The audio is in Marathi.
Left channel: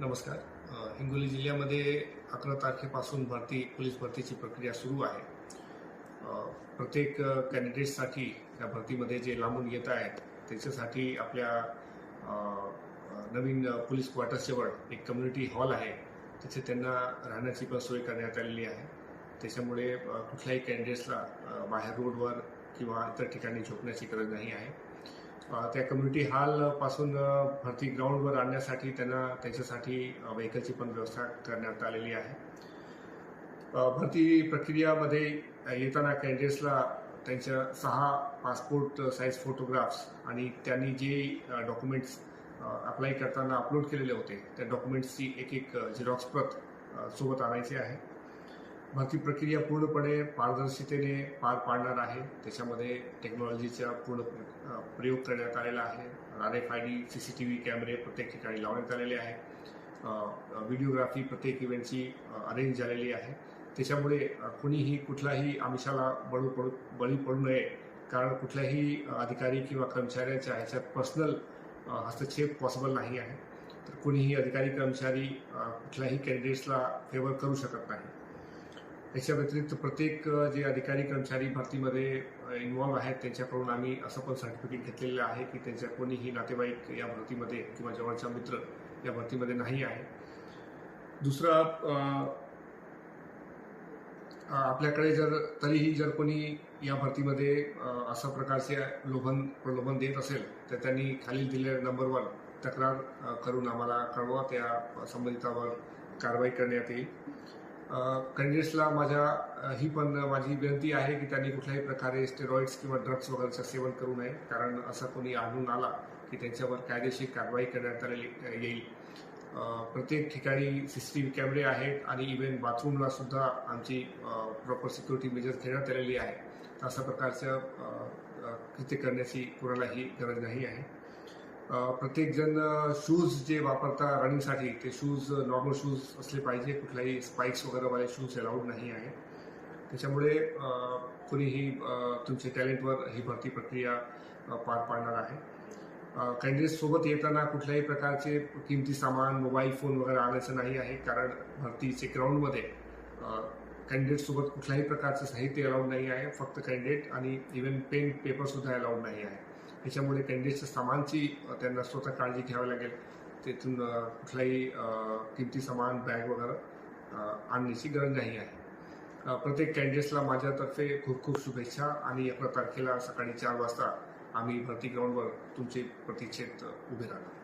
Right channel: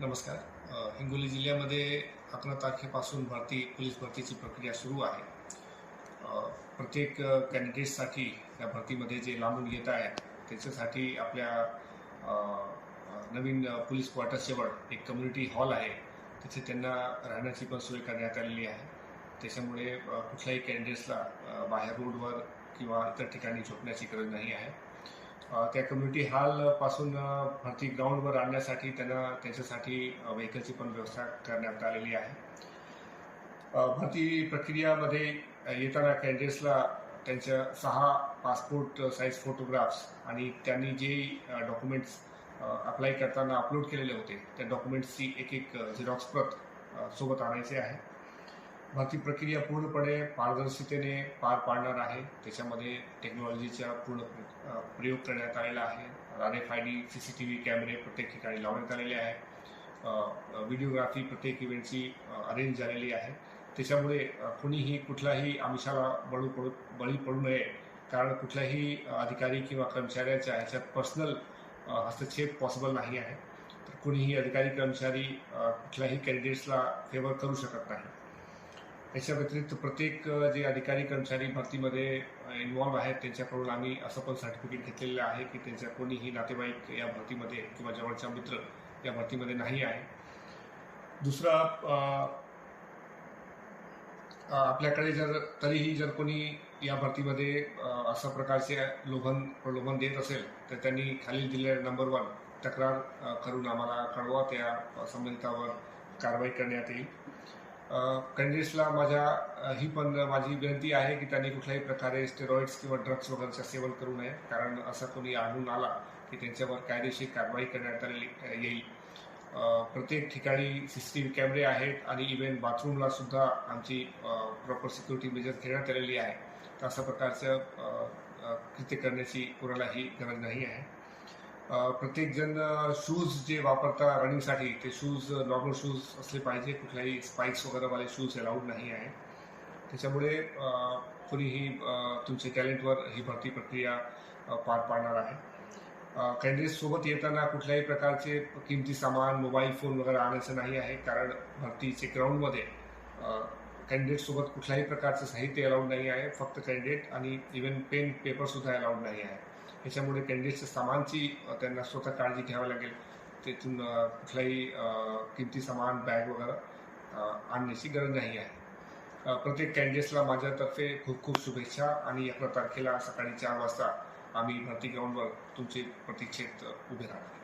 नमस्कार. हिंगोली जिल्ह्यामध्ये 11 तारखेपासून पोलीस भरतीची प्रक्रिया सुरू आहे. प्रत्येक कॅन्डिडेटसाठी या भरतीमध्ये जे लांबून येत आहेत त्याच्यासाठी आपल्या अ, अ, नवीन पोलीस क्वार्टर्सजवळ एक कम्युनिटी हॉल आहे. तिथे त्यांना राहण्याची पण सोय करण्यात आलेली आहे. त्याच्यामुळे कुठल्याही कॅन्डिडेट्सला बाहेर रोडवर किंवा इतर ठिकाणी झोपण्याची गरज नाही आहे. त्या कम्युनिटी हॉलपासून भरती ग्राउंडवर आणण्यासाठी त्यांच्यासाठी व्हेकलची पण व्यवस्था करण्यात आलेली आहे. भरती प्रक्रियामध्ये येताना कॅन्डिडेट्सला त्यांच्या 6 पासपोर्ट साईज फोटोग्राफ्स आणि त्यांनी जे डॉक्युमेंट्स अप्लाय करताना अपलोड केलेले होते त्या डॉक्युमेंट्सची एक झेरॉक्स प्रत सोबत आणायची आहे. भरती प्रक्रिया पूर्णपणे पारदर्शकतेने पार पाडणार आहे. त्याच्यामध्ये टेक्नॉलॉजीचा पूर्ण प्रयोग करण्यात आलेला आहे. RFID CCTV कॅमेरे प्रत्येक ठिकाणी लावण्यात आलेले आहे. व्हिडिओग्राफी प्रत्येक इव्हेंटची अरेंज झालेली आहे. त्याच्यामुळे कोणीही कुठलाही आमिषाला बळी पडू नये, कारण कुठल्याही अधिकारी किंवा कर्मचाऱ्याच्या ह्याच्यात पर्सनल हस्तक्षेप पॉसिबल नाही आहे. तर कोणीही अधिकारी कर्मचारी कुठल्याही कॅन्डिडेट्सला फेवर करू शकत नाही. याच्या व्यतिरिक्त प्रत्येक जे अधिकारी कर्मचारी भरतीमध्ये इन्व्हॉल्व्ह आहेत त्यांच्याकडून आम्ही असं पण सर्टिफिकेट घेतलेलं आहे की त्यांच्या कोणीही नातेवाईक या भरतीमध्ये किंवा जवळचा मित्र या भरतीमध्ये नाही आहे. दुसरं, आपल्याकडे तरीही जर कोणी या भरतीमध्ये अशा प्रकारचे प्रलोभन देत असेल तर त्यांनी खालील दिलेल्या नंबरवर तक्रार करून आम्हाला कळवा. त्या संबंधितावर कारवाई करण्यात येईल. कॅन्डिडेट्सला माझी विनंती आहे की त्यांनी कुठल्याही प्रकारे स्टेरॉइड्स किंवा ड्रग्स वगैरेचं सेवन करू नये, कारण असा कोणी आढळून आला की त्यांच्यावर कायदेशीर कारवाई करण्यात येईल. प्रत्येक ठिकाणी CCTV कॅमेरे आहेत आणि इव्हन बाथरूमला सुद्धा आमची प्रॉपर सिक्युरिटी मेजर्स घेण्यात आलेली आहे. तर अशा प्रकारचं कृत्य करण्याची कोणालाही गरज नाही आहे. प्रत्येकजण शूज जे वापरता रनिंगसाठी ते शूज नॉर्मल शूज असले पाहिजे. कुठलाही स्पाइक्स वगैरेवाले शूज अलाउड नाही आहे. त्याच्यामुळे कोणीही तुमच्या टॅलेंटवर ही भरती प्रक्रिया पार पाडणार आहे. कॅन्डिडेट सोबत येताना कुठल्याही प्रकारचे किमती सामान मोबाईल फोन वगैरे आणायचं नाही आहे, कारण भरतीचे ग्राउंडमध्ये कॅन्डिडेटसोबत कुठल्याही प्रकारचं साहित्य अलाउड नाही आहे. फक्त कॅन्डिडेट आणि इव्हन पेन पेपरसुद्धा अलाउड नाही आहे. त्याच्यामुळे कॅन्डिडेटच्या सामानची त्यांना स्वतः काळजी घ्यावी लागेल. तिथून कुठलाही किमती सामान बॅग वगैरे आणण्याची गरज नाही आहे. प्रत्येक कॅन्डिडेट्सला माझ्यातर्फे खूप खूप शुभेच्छा आणि 11 तारखेला सकाळी 4 वाजता आम्ही भरती ग्राउंडवर तुमचे प्रतीक्षेत उभे राहणार.